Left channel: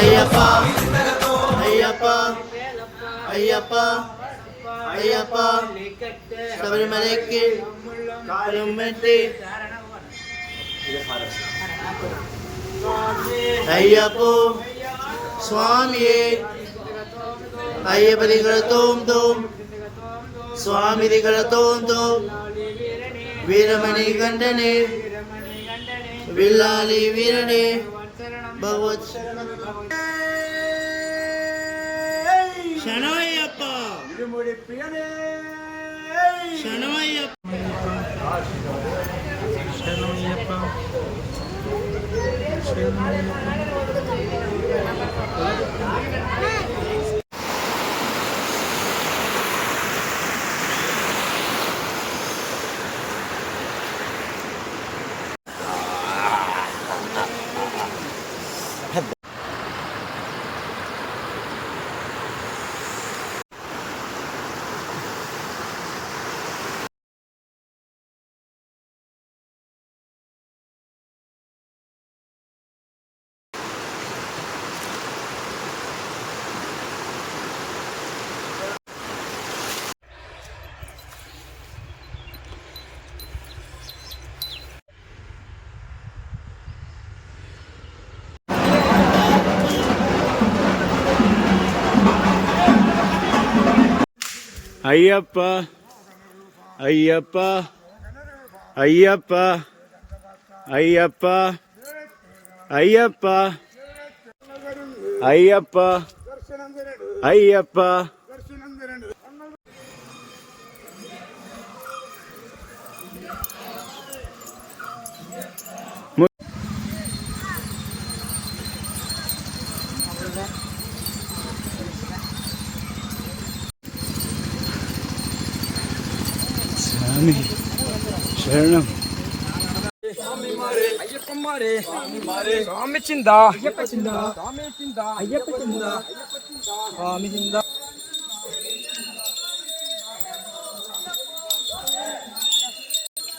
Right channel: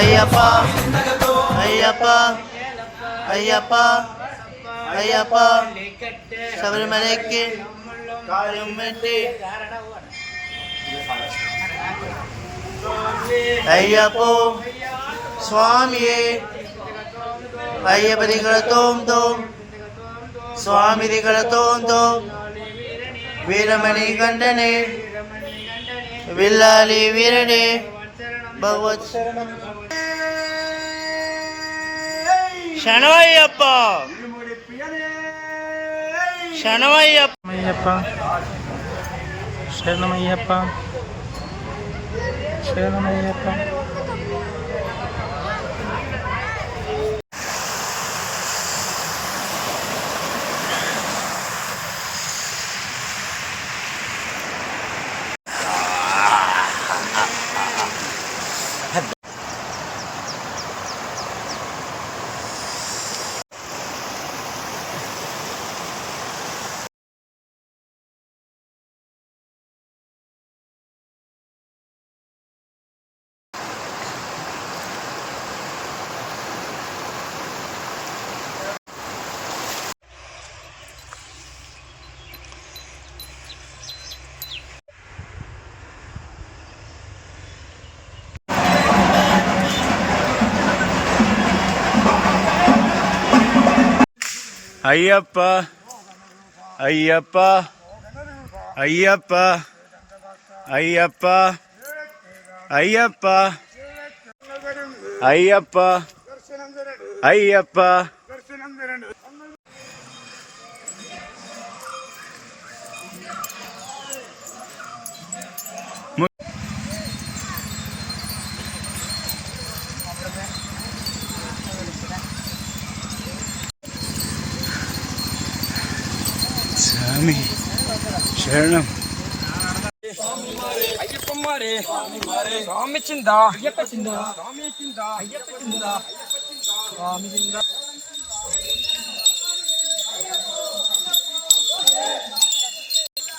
అయ్యప్ప అయ్యప్ప అయ్యప్ప అయ్యప్ప శబరిమలకి అయ్యప్పో స్వామియే అయ్యప్ప దిగల తోం తోం స్వామి దిగల తోం తోం వీరమణి కంఠనే విల్లాలి వీరడే భగవత్ శరణమయ్యప్ప శరణమయ్యప్ప శరణమయ్యప్ప శరణమయ్యప్ప అయ్యప్ప అయ్యప్ప అయ్యప్ప అయ్యప్ప అయ్యప్ప అయ్యప్ప అయ్యప్ప స్వామి శరణం అయ్యప్ప మారే స్వామి చిందా అయ్యప్ప చిందా స్వామి చిందా అయ్యప్ప చిందా స్వామి చిందా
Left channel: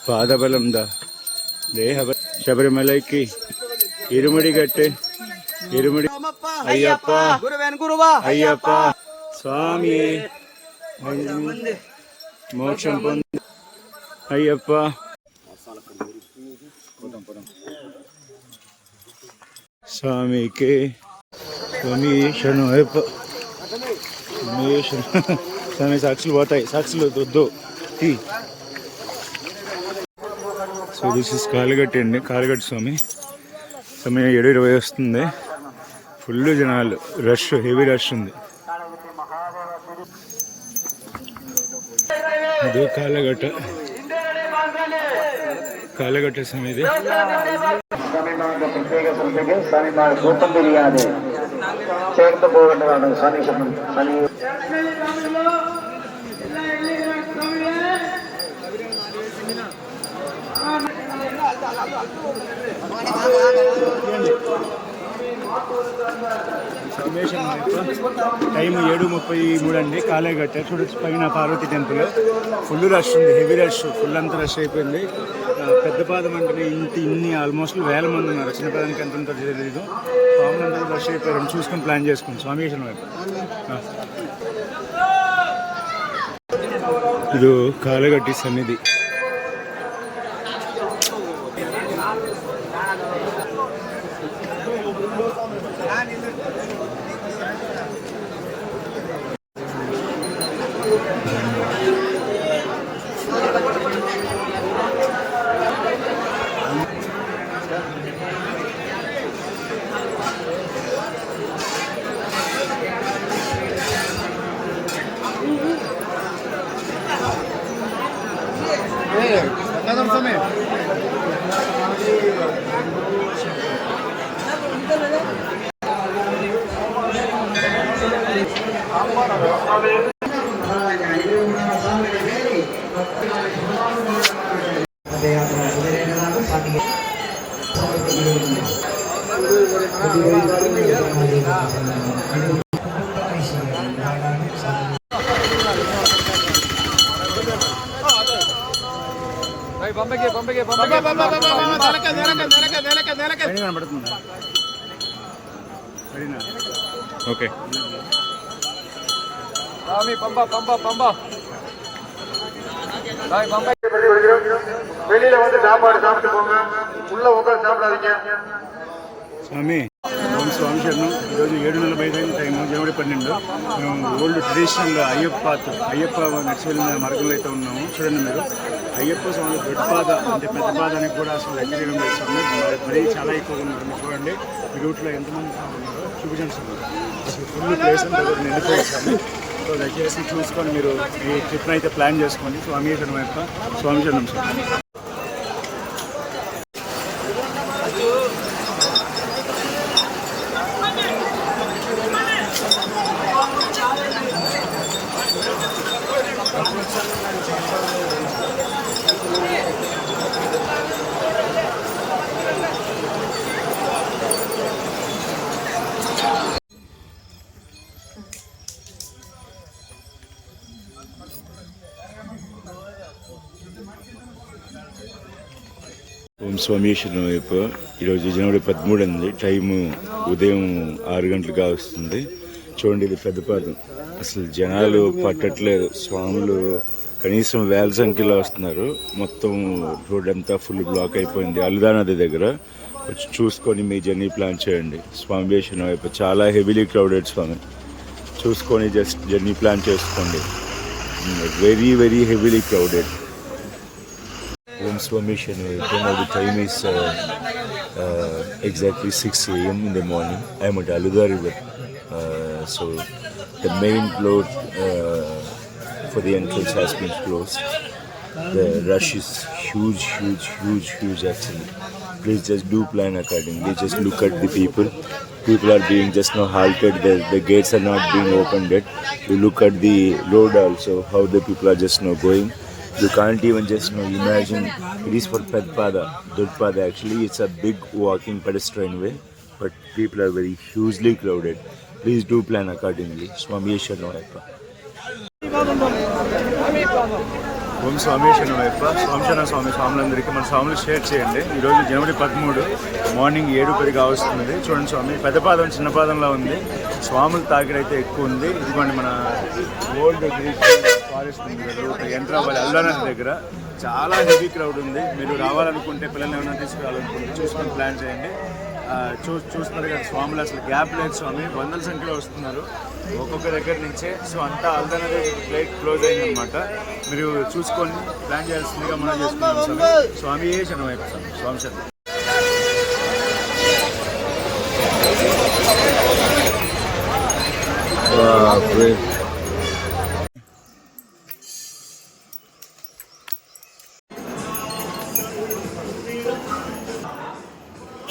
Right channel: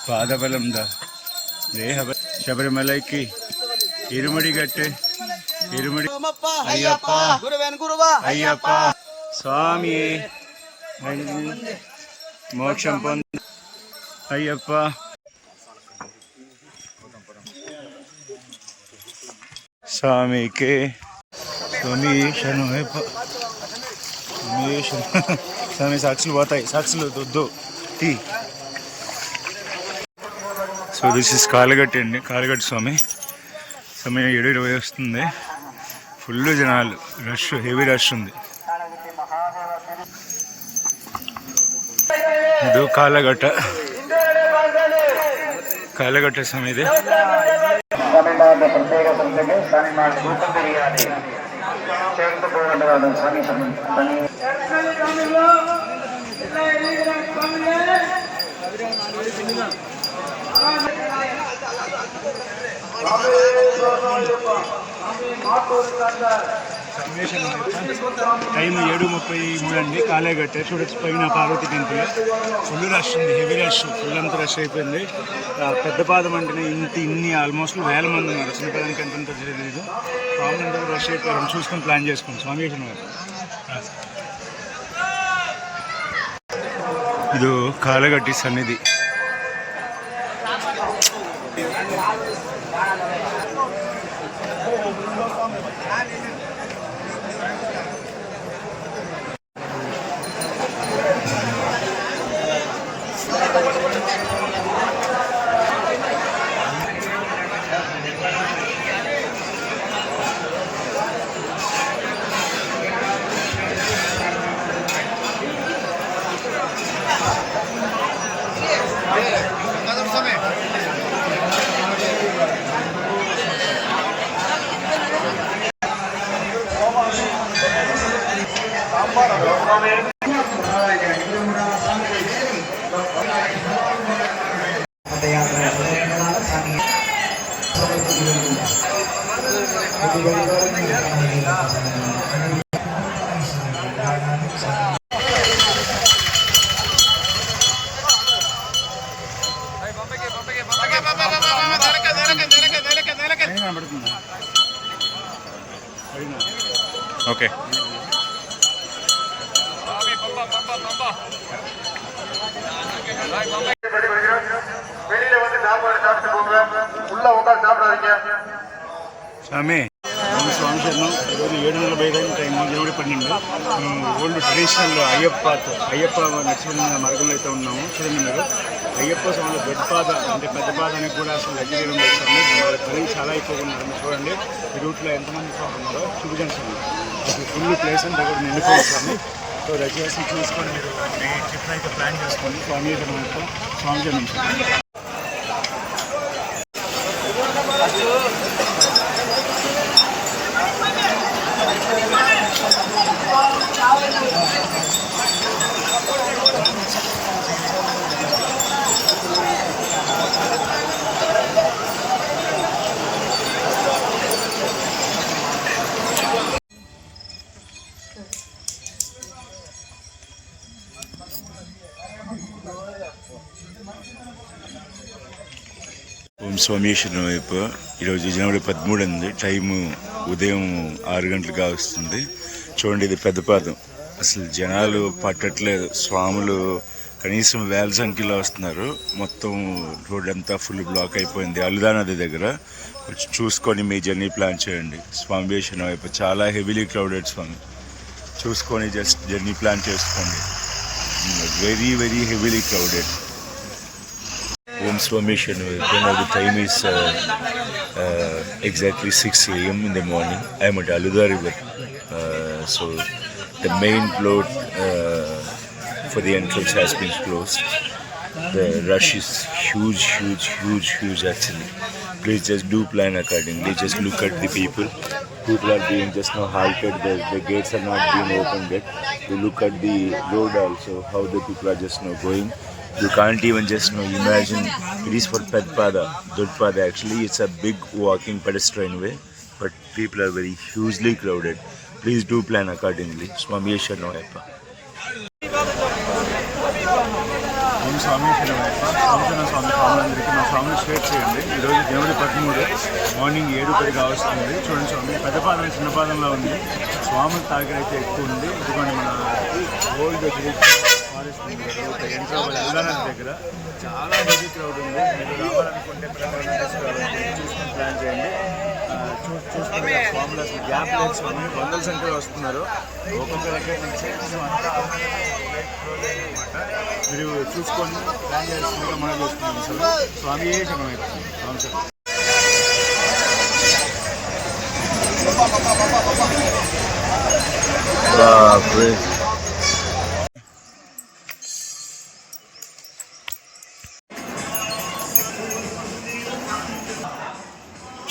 పాదబలం దా దేహ శబరిమలకి ఇరుముడి గట్టె ఇరుముడి అయ్యప్ప అయ్యప్ప స్వామి మోక్షం పొంది అయ్యప్ప స్వామికి స్వామి శరణం అయ్యప్ప స్వామి సాక్షులు పోతాయి సాక్షులు వద్దు టీ సో దిస్ ఇస్ కాలుగట్టి అండి కాలుగట్టి స్వామి సమయం 7:20 వస్తుంది ఫుల్ జనాలు రష్ హెవీ రష్ ఉంది ಇದು ಕಾಲಘಟ್ಟ ಸಮಿತಿ ಪ್ರತ್ಯೇಕ ಸಂಸ್ಥೆಗೆ ಸ್ವಾಮಿಮಾರ್ ಸೂಚನೆ ಸೇರ್ತು ಹೋಗುವಂತಹ ಸ್ವಾಮಿ టైం 7:33 అండి కాలేగట్ట చూడొచ్చు పైన పార్వతి టెంపుల్ ఫుల్ రష్ ఉంది హెవీ రష్ ఫుల్ అంతా రష్ అయిపోయింది పెద్ద పాదం అంటే ఇన్ని ఆల్మోస్ట్ 1000 మంది ఉన్నారు చిన్న పాదానికి ఎంత తెలియదు స్వామి అంతా కూడా రష్ అయిపోయారు చూసుకుని ప్లాన్ చేసుకోండి స్వామి ఇది కాలగట్టి సన్నిధి సరేనా? ఓకే. స్వామి స్వామి శరణం. ఈరోజు 7:40 టైము, జనవరి 12. మనం ఓల్డ్ ట్రెడిషనల్ అయ్యప్ప నడుచుకున్న మార్గంలో అయితే ఉన్నాము. చూడండి మీరు, అయ్యప్ప స్వామి పెద్ద పాదానికి కూడా అసలు లగ్జరీ ఉంది స్వామి. మరీ చాలా ఎక్కువగా ఉన్నారు. మీరు చూడండి ఈ రూట్లో ఎంతమంది స్వామి ఉన్నారో చూపించండి స్వామి. అసలు ఫుల్ ప్లేస్ నిండిపోయింది స్వామి. సో దయచేసి చూసుకొని మీరు ఈ ట్రిప్ని అయితే ప్లాన్ చేసుకోండి. స్వామి శరణం అయ్యప్ప. స్వామి శరణం సార్. ఓం స్వామీశ్వరం వైపు. ఈరోజు జనవరి 13 అంది. టైము ఉదయం 6 గంటలుగా వస్తుంది. చూడండి, ఇది పెద్దపాదం. అసలు జనాలు పట్టట్లేదు. స్వాములు కనీసం వేల సంఖ్యలో వస్తున్నారు. మొత్తం రోడ్ అంతా ఫుల్ బ్లాక్ అయిపోయింది. అల్లుదా నది దగ్గర. కొంచెం చూసుకొని మీ జర్నీ ప్లాన్ చేయండి. స్వామీశ్వరం వైపు చాలా హెవీలీ క్రౌడెడ్ స్వామి. చూసుకొని జస్ట్ జర్నీ ప్లాన్ చేసుకోండి. Very very heavily crowded. Om Swamishanu. Now the time is exactly 6 a.m. in the morning. I am at Aluda River. So the main road for the entrance has been closed. The rush is huge actually. Please just do plan accordingly. Just look at the people. People are being just now halted. The gates are not being opened yet. You look at the road also, how the people are just now going. You can't even just imagine. It is for Pedpada, Dudpada actually. It's a big walking pedestrian way, but people are very hugely crowded. Please do plan accordingly. Swami Sharanayappa. ఓం స్వామీశ్వరం వైపు. స్వాములందరికీ మన స్వాములు share చేయండి. ఈరోజు జనవరి 13 morning 7:10 వస్తుంది. చూడండి స్వామి, పెద్ద పాదం చిన్న పాదంలో ఉంది. స్వాముల తాకిడైతే ఎక్కువ ఉంది. ఇదిగోండి మన ఓల్డ్ ఫారెస్ట్ యంత్రాబాద్ అల్లాన దగ్గర చాలా హెవీ క్రౌడ్ ఉంది. మీరు రావాలనుకుంటే పిల్లల్ని ఏమైనా తీసుకురావాలనుకుంటే చూసుకొని ప్లాన్ చేయండి. చూసుకుంటే స్వాములు అసలు గ్యాప్ లేదు స్వామి. వందల సంఖ్యలో వస్తున్నారు ఒక్కొక్క దగ్గర నుంచి. సో అంతా ఆల్రెడీ ఫ్లైట్ క్లోజ్ అయిందనమాట. మీరు చూసుకొని ప్లాన్ చేయాల్సిందిగా మనం చేసుకున్నాం స్వామి. స్వామి శరణం వైపు స్వామి శరణం.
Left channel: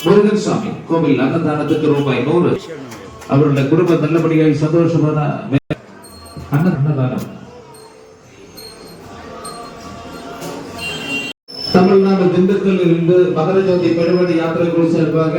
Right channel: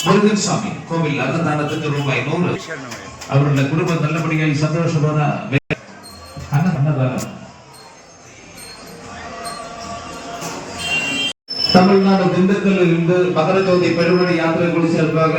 முருகன் சுவாமி கோவில் அன்னதானத்துக்கு ரூபாய் 100. அவருடைய குடும்பம் நல்லபடியாக சந்தோஷமான அன்னதானம். தமிழ்நாடு திண்டுக்கல்லில் இருந்து மகர ஜோதி பெருவழி யாத்திரை குழு சார்பாக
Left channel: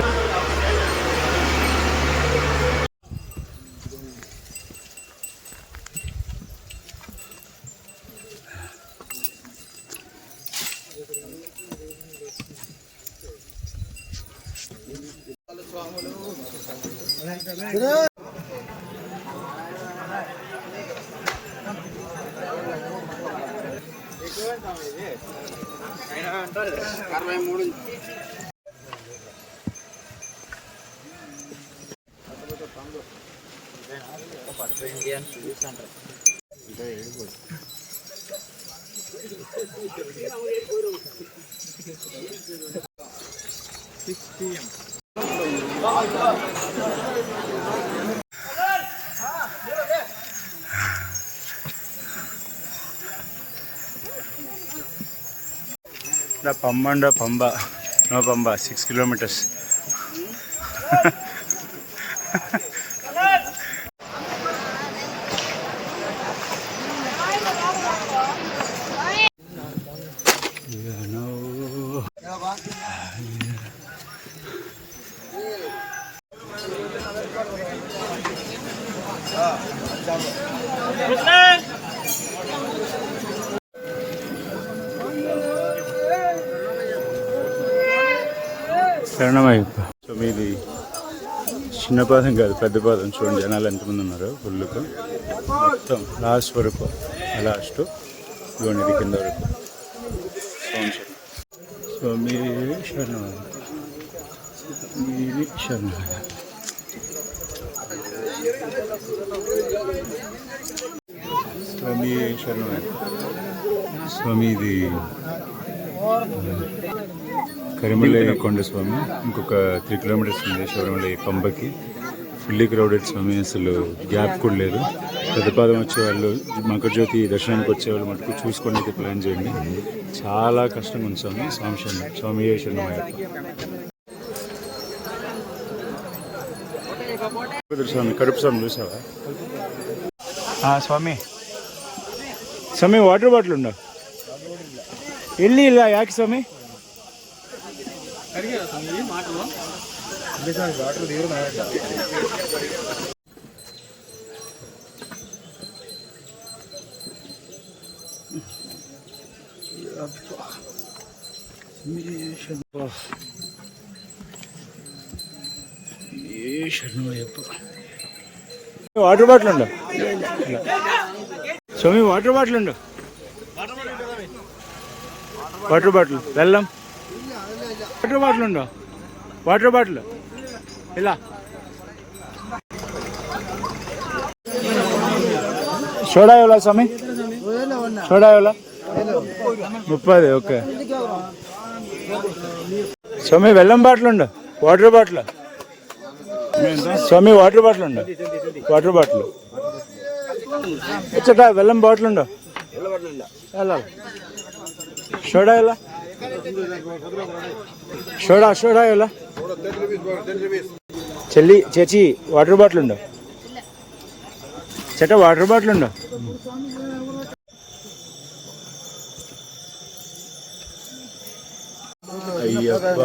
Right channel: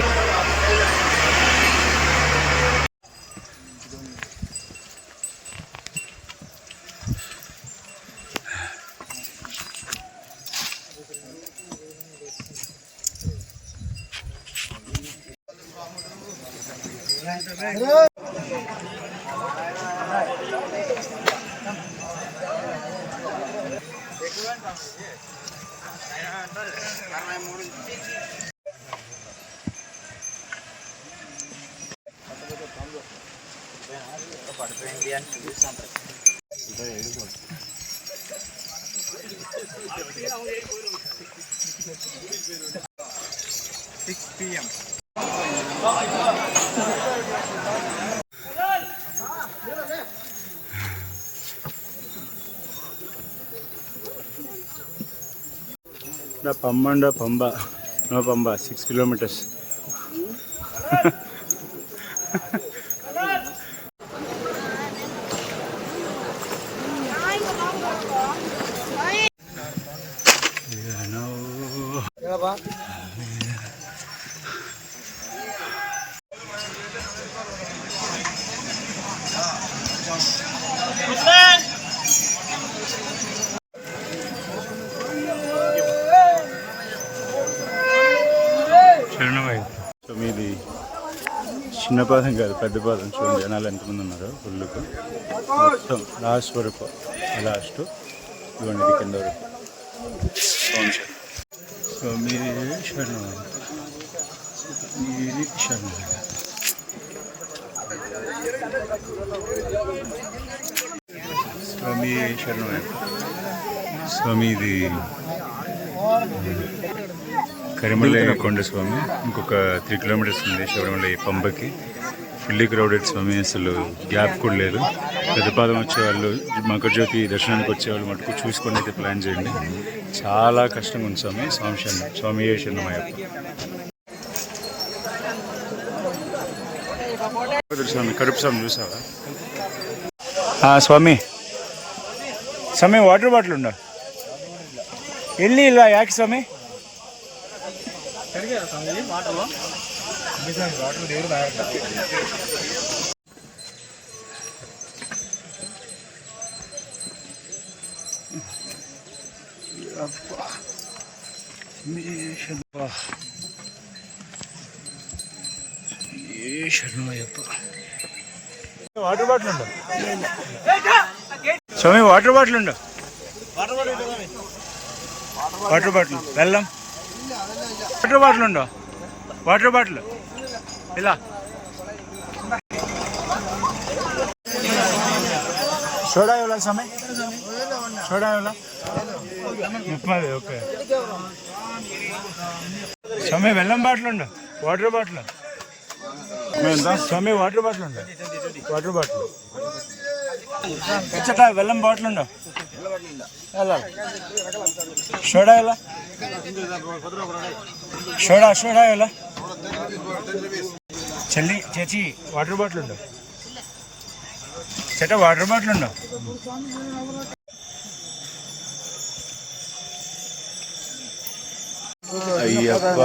Pamba, no Pamba, 6 kilometers. శరణమయ్యప్ప. సో మీది చిన్న పాదం కాదు, పెద్ద పాదం. చూడండి జనాలు ఎంతమంది ఉన్నారు ఫుల్కు. మొత్తం లాస్ట్ వరకు, లాస్ట్ ఇవ్వండి ఇది కింద వరకు. స్వామి శరణం, స్వామి శరణం. స్వామి శరణం. స్వామి ఇది కరిమల్లై కొండ స్వామి. ఇంకొక 3 కిలోమీటర్స్ ఉంది శబరిమలై పంబకి. ఫుల్లీ క్రౌడెడ్ స్వామి, అసలు గ్యాప్ కూడా లేదు. పెద్దపాదం వచ్చేవాళ్ళు, మకరజ్యోతి దర్శనానికి వచ్చేవాళ్ళు మటుకు చూసుకొని అయితే ప్లాన్ చేయండి. చాలా కష్టంగా ఉంది స్వామి. స్వామి శరణం, స్వామి శరణమయ్యప్ప. స్వామి కడుపు స్వామి చూసావా? స్వామి స్వామి వాటర్ బాటిల్ ఉండ వెళ్ళి ఇలా యాకి స్వామి వాటర్ బాటిల్ ఉండ స్వామి, వాటర్ బాటిల్ ఉండ, వాటర్ బాటిల్ వెళ్ళం, వాటర్ బాటిల్ ఉండో, వాటర్ బాటిల్ ఇలా సోడా ఎవలా స్వామి? సోడా ఎవలా? 30. ఓకే స్వామి. వెళ్ళం బాటిల్ ఉండో, వాటర్ బాటిల్ స్వామి, వాటర్ బాటిల్ ఉండో, వాటర్ బాటిల్ వచ్చా. వెళ్ళం బాటిల్ ఉండో, వెళ్ళాలి. సోడా ఎలా? సోడా సోడా ఎలా? చెల్లి చేచి వాటర్ బాటిల్ ఉండో, చేట వాటర్ బాటిల్ ఉండో. అయ్యప్ప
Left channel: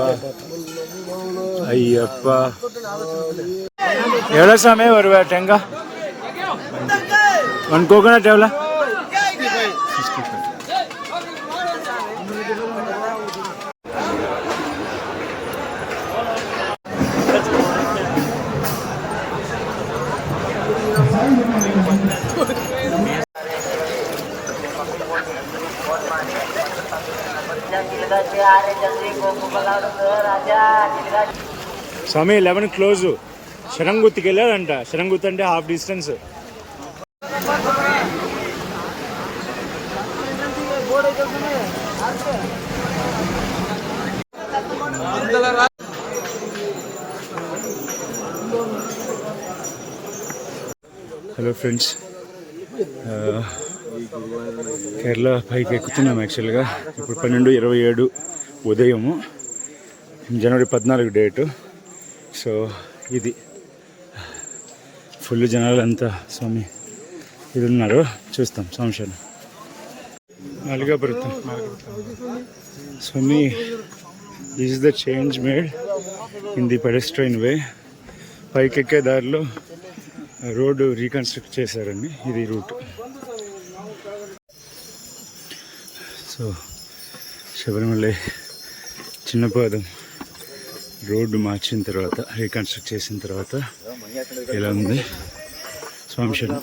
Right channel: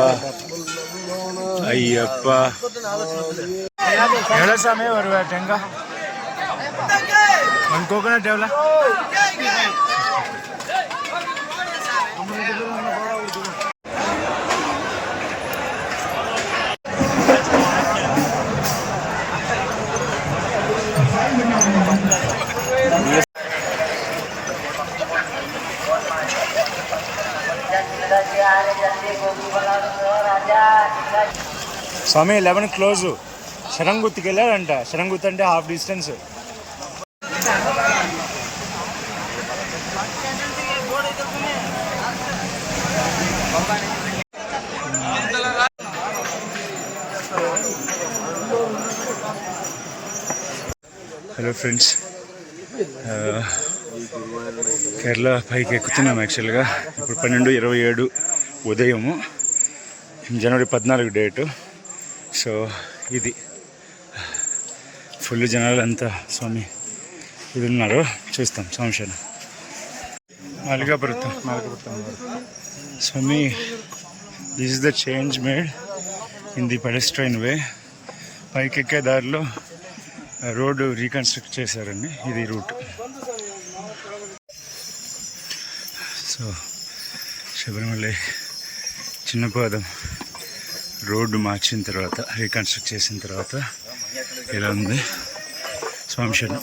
అయ్యప్ప. ఎవరా స్వామి ఒక టెంగా 1 కోకోనట్ ఎవరా? స్వామి 11 క్లోజు. శరంగుత్తికి వెళ్ళాడంట. శరంగుత్తి అంటే half distance. Hello friends, Kerala పైకి ఎక్కుతున్నాం. యాక్చువల్గా ఇప్పుడు 12:27 ఉదయము, జనవరి 14 డేటు. సో ఇది ఫుల్ జనాలంతా స్వామి ఇది ఉన్నారు. చూస్తాం సంశయం. మల్లికాపురం స్వామి. This is the change made in the pedestrian way. పైకి ఎక్కే దారిలో రోడ్డు రీకన్స్ట్రక్ట్ చేశారండి. ఇది రూట్. సో శబరిమలై చిన్నపాదం రోడ్డు మార్చిన తర్వాత, రీకన్స్ట్రక్ట్ చేసిన తర్వాత ఇలా ఉంది. స్వామి శరణం.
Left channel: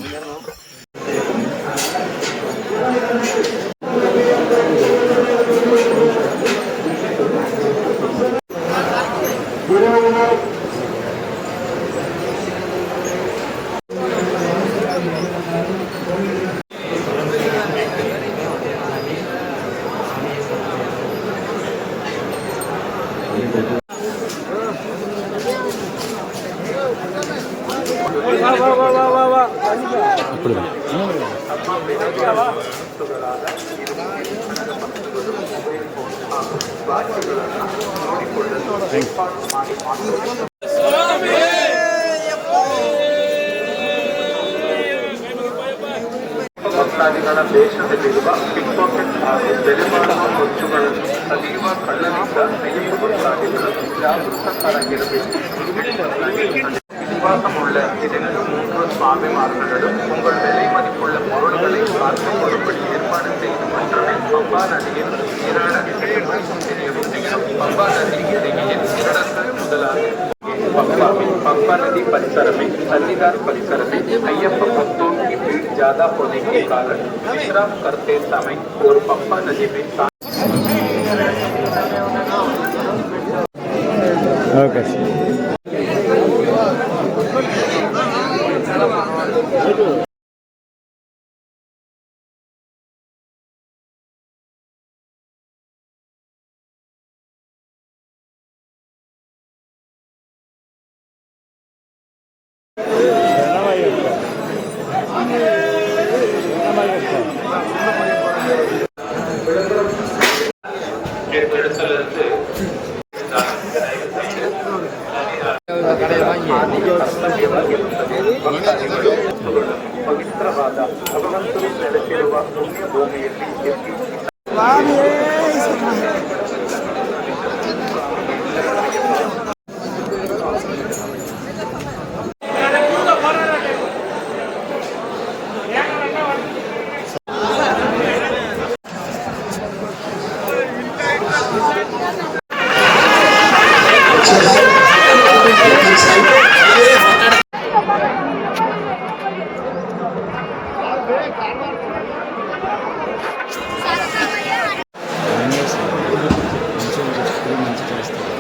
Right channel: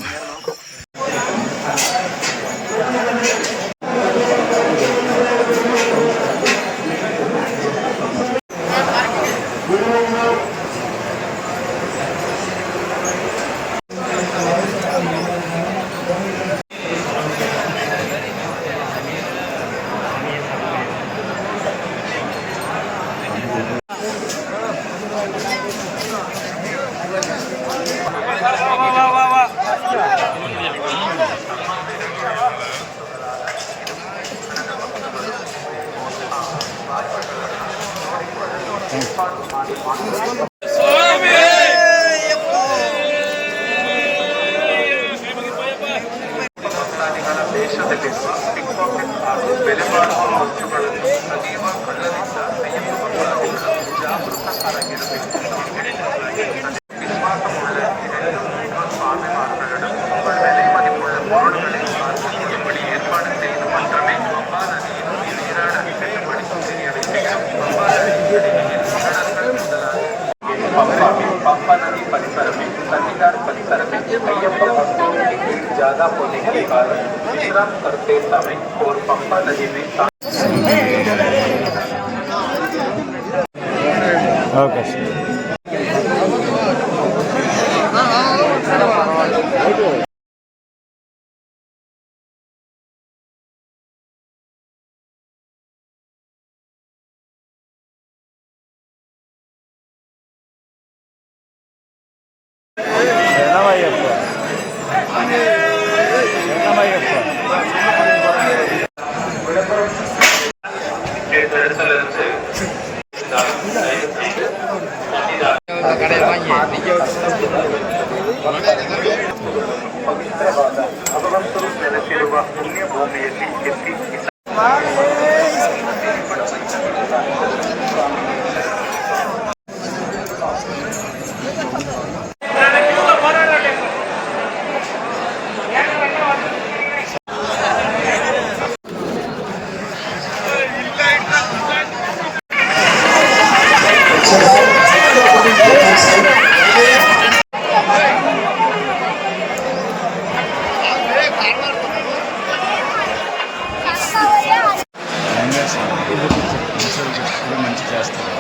పంప ज्यादा होने के कारण विश्राम करते समय और पंपा नदी में ఓకే సార్. శరణమయ్యప్ప. శరణమయ్యప్ప. இடத்திலிருந்து ಪವಿತ್ರವಾದ ಭಗವಂತರು ನೆಲೆಸಿರುವ ಪುಣ್ಯ ಭೂಮಿಯಲ್ಲಿ ಎತ್ತಿ ఏం చేస్తారు ఎప్పుడు మంచి చేస్తారు.